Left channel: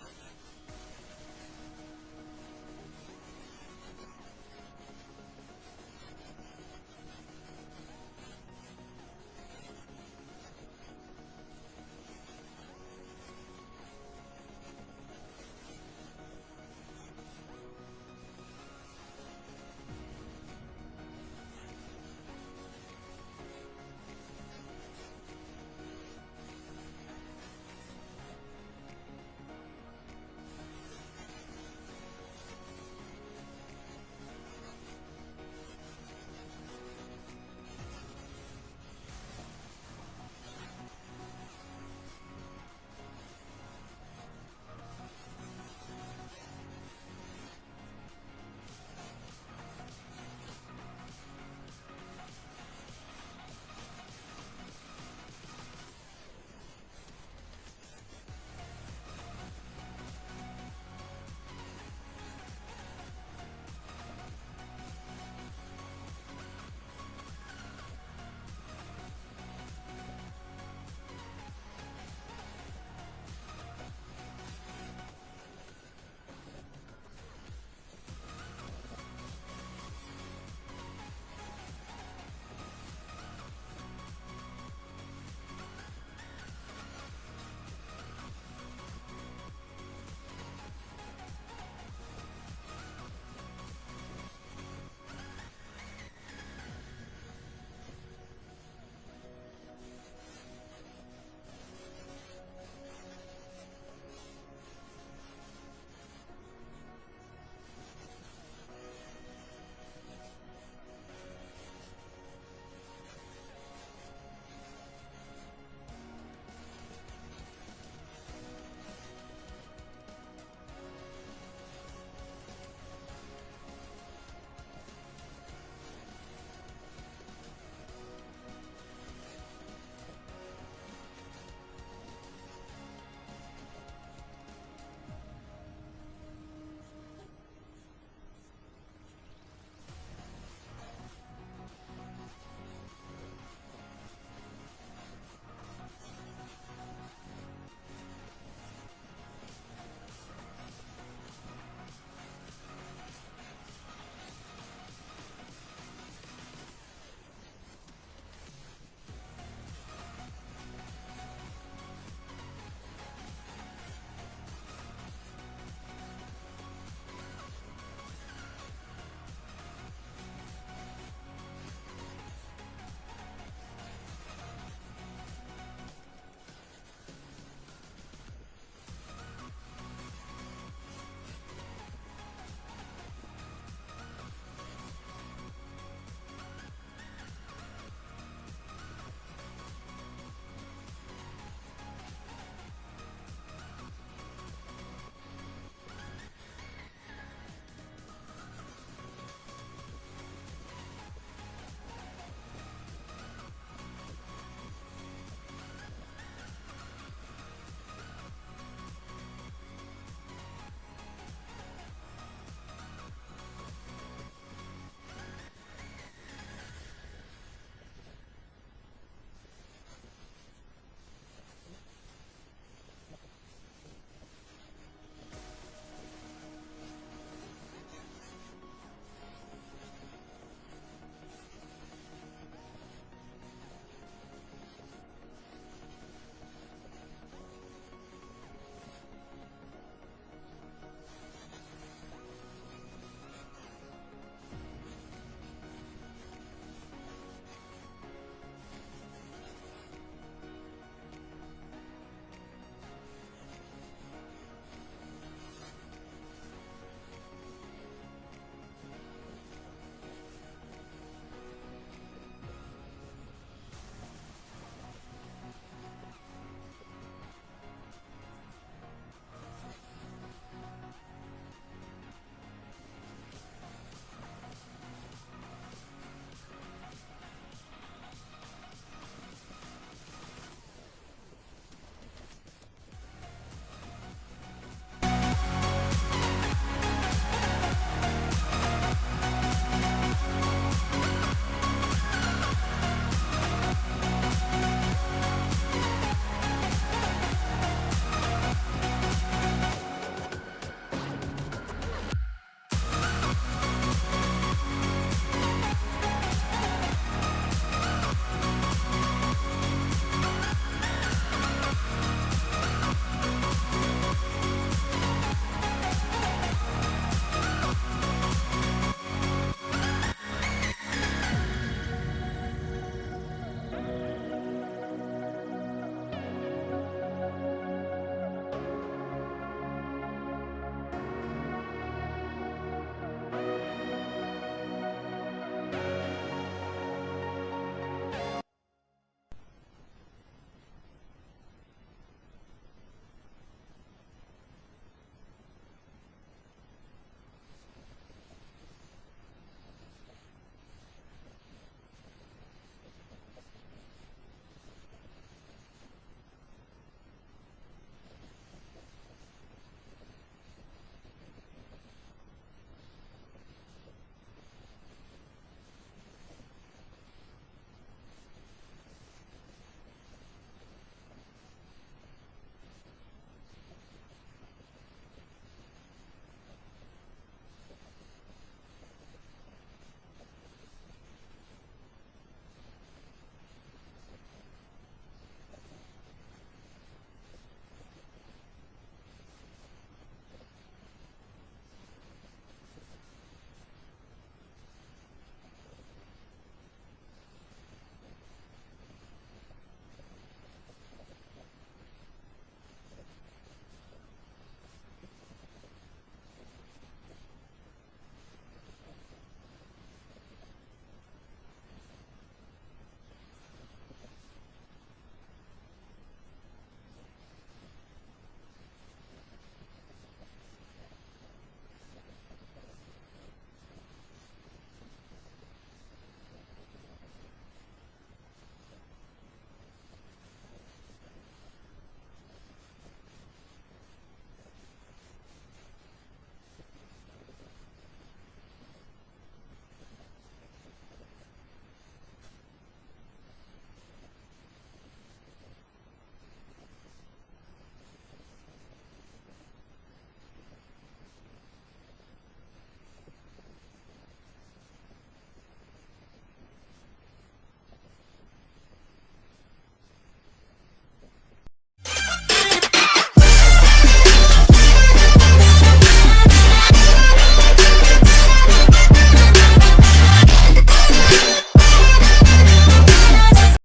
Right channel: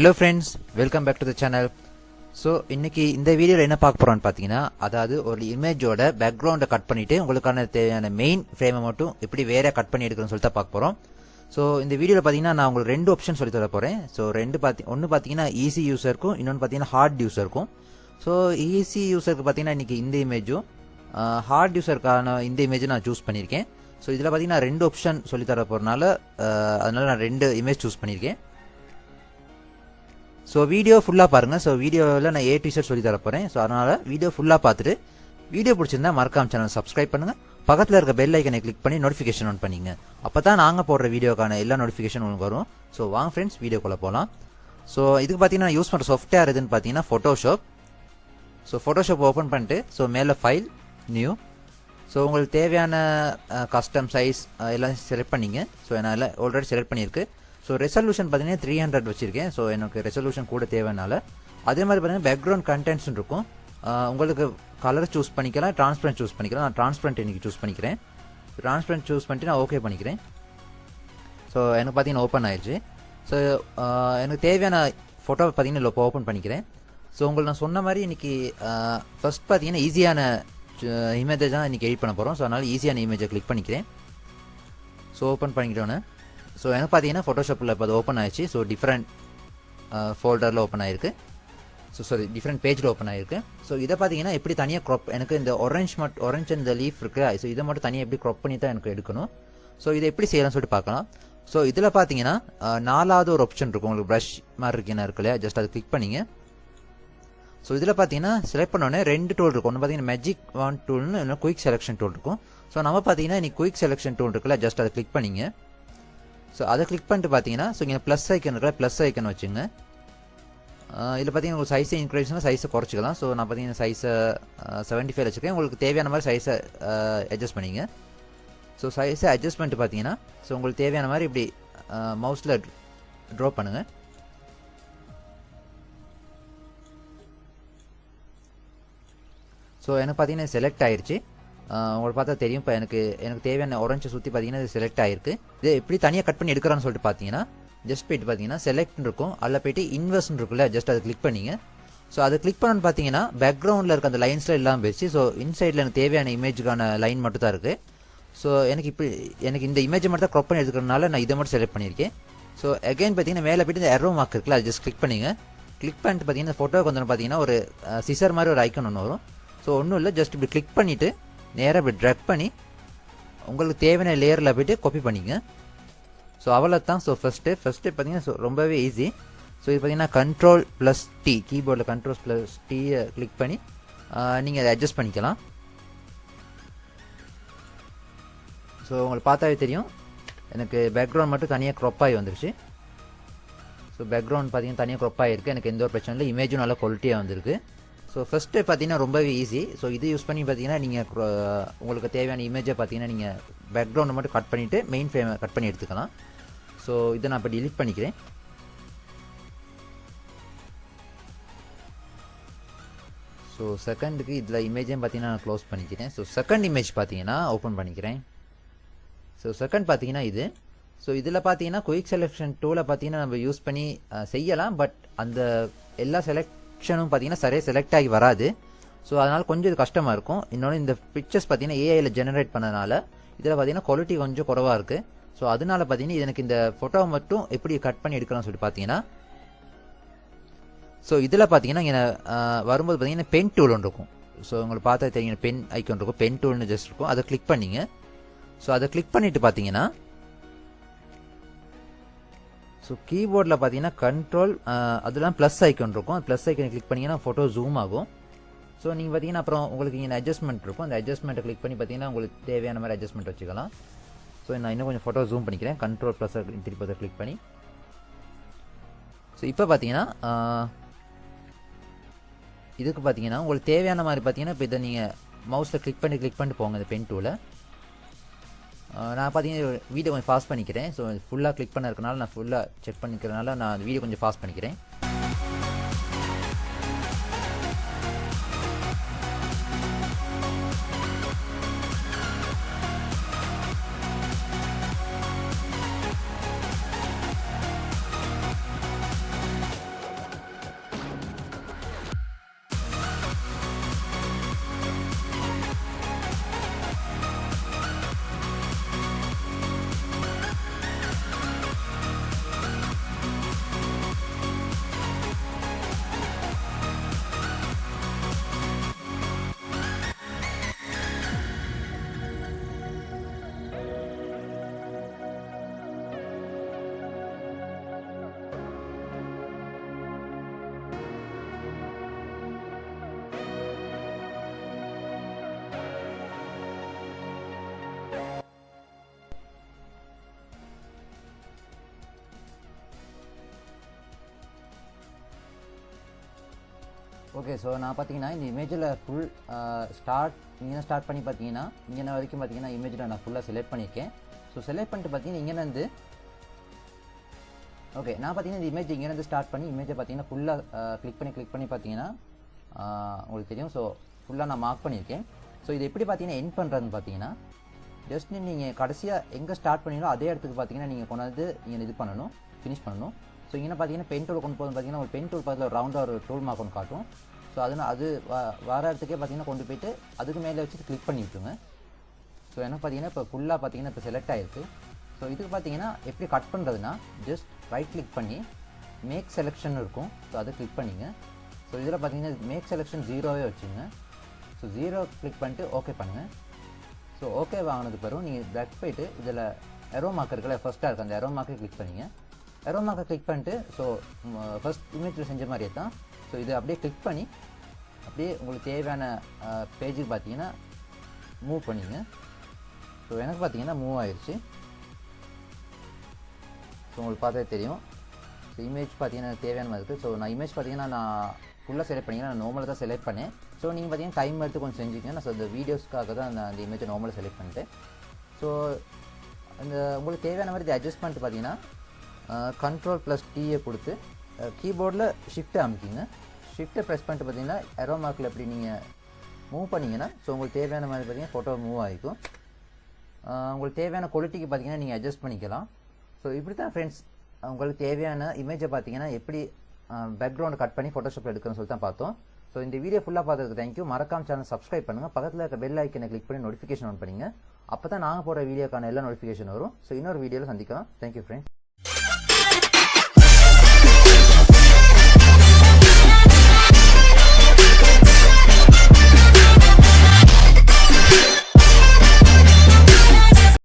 Hello friends, welcome back to the channel. So இன்னைக்கு இந்த வீடியோல என்ன பார்க்க போறோம்னு பாத்தீங்கன்னா, அதாவது ஒரு இமேஜோட பேக்ரவுண்ட கட் பண்ணிட்டு உங்களுக்கான தேவையான மெயின் ஃப்ரேமை மட்டும் எப்படி வேற கட் பண்ணி எடுக்கணும்னு சொல்லிட்டு பார்க்க போறோம். ஸோ இந்த வீடியோவில் பார்த்தீங்கன்னா நான் உங்களுக்கு ரெண்டு ஆப்ஷன் சொல்லி தர போகிறேன். ஸோ ஒன்று பார்த்தீங்கன்னா ஈஸி யூஸருக்கும், இன்னொன்று பார்த்தீங்கன்னா ஹார்ட் யூஸருக்கும். ஸோ ஈஸி யூஸருக்கு பார்த்தீங்கன்னா இன்றைக்கி இந்த இமேஜும், ஹார்ட் யூஸருக்கான இந்த இமேஜும் நான் சூஸ் பண்ணியிருக்கேன். ஸோ இதில் பார்த்தீங்கன்னா ரெண்டு ஆப்ஷன் சொல்லி தர போகிறனால அதனால நான் ரெண்டு இமேஜ் சூஸ் பண்ணியிருக்கேன். ஸோ வீடியோ ஃபுல்லாக பாருங்கள். ஸோ வீடியோவில் நான் A to Z சொல்லி தர போகிறேன். ஸோ அதனால் வீடியோ ஃபுல்லாக பார்த்துட்டு வீடியோ பிடிச்சிருந்தா மறக்காம சேனல் சப்ஸ்கிரைப் பண்ணுங்கள். பக்கத்தில் இருக்க பெல் ஐக்கனை கிளிக் பண்ணி நோட்டிஃபிகேஷன் ஆன் பண்ணிங்க. அப்போ தான் நாங்கள் போடுற வீடியோக்கான எல்லா நோட்டிஃபிகேஷன் உங்களுக்கு வரும். ஸோ வாங்க ஃப்ரெண்ட்ஸ் வீடியோக்குள்ளே போகலாம். ஸோ இதுக்கு பார்த்தீங்கன்னா யூஸ் பண்ணுற சாஃப்ட்வேர் எதுன்னு பார்த்தீங்கன்னா ஃபோட்டோஷாப். ஸோ ஃபோட்டோஷாப் ஓப்பன் பண்ணிட்டு ஸோ மேலே ஃபைல் நியூ. ஸோ உங்களுக்கு தேவையான கஸ்டம் சைஸ் எல்லாம் செலக்ட் பண்ணிங்க. ஸோ என்னால் ஆல்ரெடி செலக்ட் பண்ணியிருக்கு. ஸோ ரெசல்யூஷன் பார்த்தீங்கன்னா 300 வச்சுருக்கேன். ஸோ எனக்கு ரெசல்யூஷன் கூட தேவைனால அதே மாதிரி பார்த்தீங்கன்னா பேக்ரவுண்ட் கண்டென்ட்ஸ் இருக்கும். உங்களுக்கு கலர் சூஸ் பண்ணிக்கலாம், டிரான்ஸ்பரண்ட் சூஸ் பண்ணிக்கலாம். நான் டிரான்ஸ்பரண்ட் இன்றைக்கி சூஸ் பண்ணிக்கிறேன். டிரான்ஸ்பரண்ட் சூஸ் பண்ணிட்டு நான் ஓகே பண்ணிக்கிறேன். ஸோ எனக்கு பார்த்தீங்கன்னா ஓப்பன் ஆயிடுச்சு. ஸோ எனக்கு தேவையான ஃபோட்டோ பார்த்தீங்கன்னா இப்போ ஓப்பன் பண்ணிக்கிறேன். ஸோ உங்களுக்கு நான் சொன்ன மாதிரி இன்றைக்கி ஃபஸ்ட் பார்த்தீங்கன்னா ஈஸியான இமேஜை தான் இன்றைக்கி எடிட் பண்ண போகிறோம். ஸோ அதனால் ஈஸியான இமேஜை கிளிக் பண்ணிக்கிறேன். ஸோ ஓப்பன் பண்ணிக்கிட்டோன்னே ஸோ எனக்கு பார்த்தீங்கன்னா ஃபோட்டோஷாப்பில் இப்போ அது ஓப்பன் ஆயிடுச்சு. ஸோ டிஃப்ரெண்ட் ஃபோல்டரில் ஓப்பன் ஆகிருக்கு. ஸோ சாரி டிஃப்ரெண்ட் பேஜில் ஓப்பன் ஆகிருக்கு. ஸோ இதை பார்த்தீங்கன்னா எப்படி தனியாக க்ராப், எனக்கு இந்த ஆரஞ்ச் இந்த லீஃப் இருக்குது. ஸோ இதை மட்டும் தனியாக எப்படி க்ராப் பண்ணி தான் எனக்கு எடுக்கணும். ஸோ இதை எப்படி செய்யலாம்னு சொல்லிட்டு பார்க்கலாம். ஸோ இதில் பார்த்தீங்கன்னா நாலாவது ஒரு ஆப்ஷன் இருக்கும். உங்களுக்கு ப்ரஷ் மாதிரி இருக்குன்னா இருக்கு இல்லையா, ஜஸ்ட் அதை கிளிக் பண்ணிங்க. ஸோ இதில் பார்த்தீங்கன்னா செலக்ட் பண்ணோடனே ரெண்டு டூல் இருக்கும். ஒன்று பார்த்தீங்கன்னா மேஜிக் வாண்ட் டூல்னு, இன்னும் குயிக் செலெக்ஷன் டூல் இருக்கும். ஸோ நம்ம பார்த்தீங்கன்னா இன்னைக்கு குயிக் செலெக்ஷன் டூல் இருக்குல்ல, ஜஸ்ட் அதை கிளிக் பண்ணிங்க. ஸோ அதை கிளிக் பண்ணிட்டு பார்த்தீங்கன்னா ஸோ இங்கே ப்ளஸ் ஐக்கன் இருக்கல, ப்ளஸ் ஐக்கன் வச்சுங்க. இதில் பார்த்தீங்கன்னா உங்களுக்கு சைஸை இன்க்ரீஸ்னா சைஸை குறைச்சிக்கலாம். ஸோ நான் பார்த்தீங்கன்னா சைஸை 75 வச்சுருக்கேன். உங்களுக்கு தேவையான மாதிரி சைஸை அட்ஜஸ்ட் பண்ணிங்க. ஸோ சைஸை அட்ஜஸ்ட் பண்ணிட்டு பார்த்தீங்கன்னா ஸோ உங்களுக்கு தேவையான மாதிரி இப்படி மவுஸில் ட்ரா பண்ணுங்கள். ஸோ எனக்கு பார்த்தீங்கன்னா செலக்ட் ஆயிடுச்சு. உங்களுக்கு பார்த்தா தெரியும். இப்போ எனக்கு தேவையான ஆரஞ்சை சுற்றி பார்த்தீங்கன்னா இது செலக்ட் ஆகிருக்கு. இது எப்படி தனியாக கட் பண்ணி எடுக்கிறான்னு சொல்லிட்டு பார்த்தீங்கன்னா ஜஸ்ட் போய்ட்டு பார்த்தீங்கன்னா செலக்ட்னு இருக்கும், அதில் போய்ட்டு இன்வெர்ஸ்ன்னு இருக்குல்ல, ஜஸ்ட் அதை கிளிக் பண்ணிங்க. ஸோ அதை கிளிக் பண்ணணும்னு பார்த்தீங்கன்னா பேக்ரவுண்டில் இருக்க அந்த லைன்ஸில் இல்லாமல் போயிடுச்சு. ஸோ இன்சைடில் எனக்கு தேவையான இமேஜுக்கான லைன் மட்டும் தான் இருக்குது. ஸோ எனக்கு இந்த இமேஜை மட்டும் தான் க்ராப் பண்ணி எடுக்கிறதுனால நான் இதை மட்டும் செலக்ட் பண்ணியிருக்கேன். ஸோ அகைன் பார்த்தீங்கன்னா மேலே போய்ட்டு இந்த எரோ மார்க் இருக்குல்ல, அது ஜஸ்ட் கிளிக் பண்ணிங்க. கிளிக் பண்ணிட்டு பார்த்தீங்கன்னா ஃபோட்டோவுக்கு வந்து பார்த்தீங்கன்னா ஒரு சிசர் மாதிரி ஒரு ஐக்கன் ஒன்று வரும். ஸோ ஒன்றும் இல்லை, ஜஸ்ட் இப்படி கிளிக் பண்ணிவிட்டு நேராக இப்படி ட்ராக் பண்ணி உங்களுக்கு தேவையான லேயரில் போய்ட்டு காப்பி பண்ணிங்க. ஸோ அவ்வளோ தான். ஸோ ஃபஸ்ட்டு பார்த்தீங்கன்னா ஸோ ரொம்பவே ஈஸி. ஸோ இது பார்த்தீங்கன்னா Ctrl+T கீபோர்டில் Ctrl+T கிளிக் பண்ணி நீங்கள் அதை அட்ஜஸ்ட் பண்ணிக்கலாம். ஸோ உங்களுக்கு பார்த்தாவே தெரியும் எனக்கு பேக்ரவுண்ட் மட்டும் தனியாக க்ராப் ஆகி வந்துருச்சு. ஸோ பேக்ரவுண்ட் பார்த்தீங்கன்னா தனியாக க்ராப் ஆகிருக்கு. எனக்கு எந்த ஒரு பிரச்சனை இல்லை, இமேஜும் நல்லா குவாலிட்டியாக வந்திருக்கு. ஸோ ஃபஸ்ட்டு பார்த்தீங்கன்னா ரொம்பவே ஈஸி. ஸோ இது யூஸ் பண்ணி பார்த்தீங்கன்னா நீங்கள் உங்களுக்கு தேவையான இமேஜை பார்த்தீங்கன்னா நீங்கள் பேக்ரவுண்டை மட்டும் கட் பண்ணிவிட்டு மெயின் ஃப்ரேமை கட் பண்ணி எடுத்துக்கலாம். ஸோ இதை நான் இப்போ டிலீட் பண்ணிக்கிறேன். ஸோ செகண்டுக்கு இதில் இமேஜையும் பார்த்தீங்கன்னா நான் க்ளோஸ் பண்ணிக்கிறேன். ஸோ செகண்ட் இமேஜ் பார்த்தீங்கன்னா ஓப்பன் பண்ணிக்கிறேன். ஸோ செகண்ட் பார்த்தீங்கன்னா இது. ஸோ இதில் பார்த்தீங்கன்னா குயிக் செலெக்ஷன் டூலை பார்த்தீங்கன்னா நம்ம யூஸ் பண்ணி செய்யலாம். பட் அந்த எல்லா செலெக்ஷனும் பார்த்தீங்கன்னா சரியாக செலக்ட் ஆகி வராது. ஸோ அதனால் கொஞ்சம் இது கஷ்டமாக இருக்கும். இன்னொன்று இந்த பிக்சர்ஸ் பார்த்தீங்கன்னா ஏஐயில் ஜெனரேட் பண்ணனால இதில் பார்த்தீங்கன்னா குவாலிட்டி கொஞ்சம் குறவாக இருக்குது. ஸோ அதனால பார்த்தீங்கன்னா எனக்கு இந்த ஃபோட்டோவை மட்டும் எப்படி கட் பண்ணி எடுக்கலாம்னு சொல்லிட்டு பார்த்தீங்கன்னா ஸோ இதில் பார்த்தீங்கன்னா இங்கே வரும்போது பார்த்தீங்கன்னா பென் டூல் ஒன்று இருக்கும். ஸோ உங்களுக்கு பார்த்தா தெரியும் பென் ஐக்கன் இருக்கும், பென் டூல்னு ஜஸ்ட் இருக்கும், அதை கிளிக் பண்ணிங்க. ஸோ அதை கிளிக் பண்ணிவிட்டு பார்த்தீங்கன்னா ஸோ கீபோர்டில் பார்த்தீங்கன்னா கண்ட்ரோல் அதெல்லாம் ப்ளஸ் ஐக்கன் இருக்கும், ப்ளஸ் ஐக்கனை கிளிக் பண்ணிங்கன்னா ஃபோட்டோ ஜூம் ஆகும். ஸோ நீங்கள் பார்த்தீங்கன்னா அப்புறம் உங்களுக்கு இங்கே அட்ஜஸ்ட்மெண்ட் இருக்கும், அந்த அட்ஜஸ்ட்மெண்ட்டை கிளிக் பண்ணி பார்த்தீங்கன்னா உங்களுக்கு தேவையான மாதிரி அட்ஜஸ்ட்மெண்ட் வச்சுக்கலாம். ஸோ நான் இன்னும் கொஞ்சம் ஃபோட்டோ ஜூம் பண்ணிக்கிறேன், கண்ட்ரோல் ப்ளஸ் திருப்பி அதை கிளிக் பண்ணி. ஸோ இப்போ பார்த்தீங்கன்னா இதுக்கு பார்த்தீங்கன்னா உங்களுக்கு தேவையான மாதிரி பார்த்தீங்கன்னா இப்போ இதை நீங்கள் மவுஸில் கிளிக் பண்ணி போங்க இந்த பென் டூவில். நான் பார்த்தீங்கன்னா வீடியோ கொஞ்சம் ஃபாஸ்ட் பண்ணிக்கிறேன். ஸோ ஃபுல்லாக கிளிக் பண்ண இருக்கனால நான் ஃபுல்லாக செக் பண்ணிக்கிறதுனால நான் வீடியோ கொஞ்சம் ஃபாஸ்ட் பண்ணிக்கிறேன். ஓகே, ஸோ நான் பார்த்தீங்கன்னா இந்த இமேஜில் ஃபுல் நீங்கள் ஸ்டார்ட் பண்ணி பார்த்தீங்கன்னா இங்கே வரைக்கும் பார்த்தீங்கன்னா இமேஜில் நான் ஃபுல்லாக செலக்ட் பண்ணியிருக்கேன். ஸோ செலக்ட் பண்ணிட்டு பார்த்தீங்கன்னா இங்கேருந்து ஓகே, நான் பார்த்தீங்கன்னா இந்த இமேஜ் இங்கேருந்து ஸ்டார்ட் பண்ணி இமேஜை பார்த்தீங்கன்னா ஃபுல்லாக கிளிக் பண்ணி பார்த்தீங்கன்னா உங்களுக்கு தெரியும். ஸோ ஃபுல்லாக நான் மார்க் பண்ணியிருக்கேன். ஸோ இது எப்படி பார்த்தீங்கன்னா எண்ட் பண்ணுறதுன்னு பார்த்தீங்கன்னா ஜஸ்ட் நீங்கள் கடைசியாக எங்கே ஸ்டார்ட் பண்ணீங்களோ அதே இடத்துக்கு பார்த்தீங்கன்னா நீங்கள் கொண்டாந்து நீங்கள் இது பண்ணணும், ஃபினிஷ் பண்ணணும். ஸோ இங்கே பார்த்தீங்கன்னா பென் டூல் கொண்டு போகுது பார்த்தீங்கன்னா ஒரு பென் டூல் பக்கத்தில் ஒரு ரவுண்டாக ஒரு டூல் மார்க் ஒன்று காட்டும். ஸோ அது வர இடத்துக்கே பார்த்தீங்கன்னா கொண்டு போயிட்டு அதுக்கு மேலே வச்சு கிளிக் பண்ணி விட்டுருங்க. ஸோ எனக்கு பார்த்தீங்கன்னா இப்போ ஃபுல்லாக பார்த்தீங்கன்னா இப்போ செலக்ட் ஆகிருக்கு. ஸோ இதுக்கு பார்த்தீங்கன்னா எப்படி கட் பண்ணுறதுன்னா ஜஸ்ட் ரைட் கிளிக் பண்ணி மேக் செலெக்ஷன் இருக்கும். ஸோ அதை கிளிக் பண்ணிங்க. ஸோ இதில் பார்த்தீங்கன்னா மேக் செலெக்ஷன் 0வே வச்சுங்க. ஸோ 0 கிளிக் பண்ணிட்டு ஓகே பண்ணுங்கள். ஸோ ஓகே வாங்கினதுக்கு பிறகு நீங்கள் பேக் போய்ட்டு இதில் எரோ மார்க் இருக்குல்ல, ஃபஸ்ட்டாக இருக்குது அந்த எரோ மார்க்கை கிளிக் பண்ணிங்க. எரோ மார்க்கை கிளிக் பண்ணிட்டு ஸோ ஃபஸ்ட் இமேஜில் செஞ்ச மாதிரியே தான். ஸோ இதை அப்படியே கிளிக் பண்ணி அப்படியே உங்களுக்கு தேவையான பேஜுக்கு பார்த்தீங்கன்னா மூவ் பண்ணிங்க. ஸோ எனக்கு பார்த்தீங்கன்னா மூவ் ஆயிடுச்சு. ஸோ உங்களுக்கு பார்த்தே தெரியும். ஸோ இமேஜ் பார்த்தீங்கன்னா தேவையான மாதிரி இருக்குது. ஸோ நான் இமேஜ் பார்த்தீங்கன்னா நான் ஃபுல்லாக செலக்ட் பண்ணிங்கன்னா நான் நார்மலாக தான் செலக்ட் பண்ணேன். ஸோ நீங்கள் பார்த்தீங்கன்னா டைம் எடுத்து கொஞ்சம் செஞ்சுக்கங்க. நான் இந்த வீடியோஸ்க்காக தான் நான் அந்த இமேஜை நார்மலாக செலக்ட் பண்ணிட்டேன். ஸோ அந்த உங்களுக்கு தேவையான மாதிரி அட்ஜஸ்ட் பண்ணிட்டு பார்த்தீங்கன்னா Ctrl+T கொடுத்து கீபோர்டில் ஷிஃப்ட்டை அமைக்கிங்க. ஷிஃப்ட்டை ப்ரெஸ் பண்ணிட்டு பார்த்தீங்கன்னா எரோ மார்க்கில் எப்படி நீங்கள் மூவ் பண்ணிங்கன்னா ஸோ உங்களுக்கு தேவையான மாதிரி பார்த்தீங்கன்னா ஃபோட்டோ மூவ் ஆகிக்கும். உங்களுக்கு தேவையான குவாலிட்டிக்கு பார்த்தீங்கன்னா நீங்கள் அட்ஜஸ்ட் பண்ணிக்கலாம். ஸோ இப்படி தான் ஃப்ரெண்ட்ஸ் உங்களுக்கு தேவையான இமேஜை பார்த்தீங்கன்னா எப்படி பேக்ரவுண்ட் கட் பண்ணி ஃபோட்டோஷாப் எடுக்கணும்னு சொல்லி தான் பார்த்தோம். ஸோ இந்த வீடியோ ஃபுல்லாக பார்த்ததுக்கு தேங்க்யூ. மறக்காம சேனல் சப்ஸ்கிரைப் பண்ணுங்கள். பக்கத்தில் இருக்க பெல் ஐக்கனை கிளிக் பண்ணி நோட்டிஃபிகேஷன் ஆன் பண்ணுங்க. அப்போ தான் நாங்கள் போகிற வீடியோக்கான எல்லா நோட்டிஃபிகேஷன் வரும். ஸோ இன்னொரு வீடியோவில் சந்திக்கலாம். Thank you friends.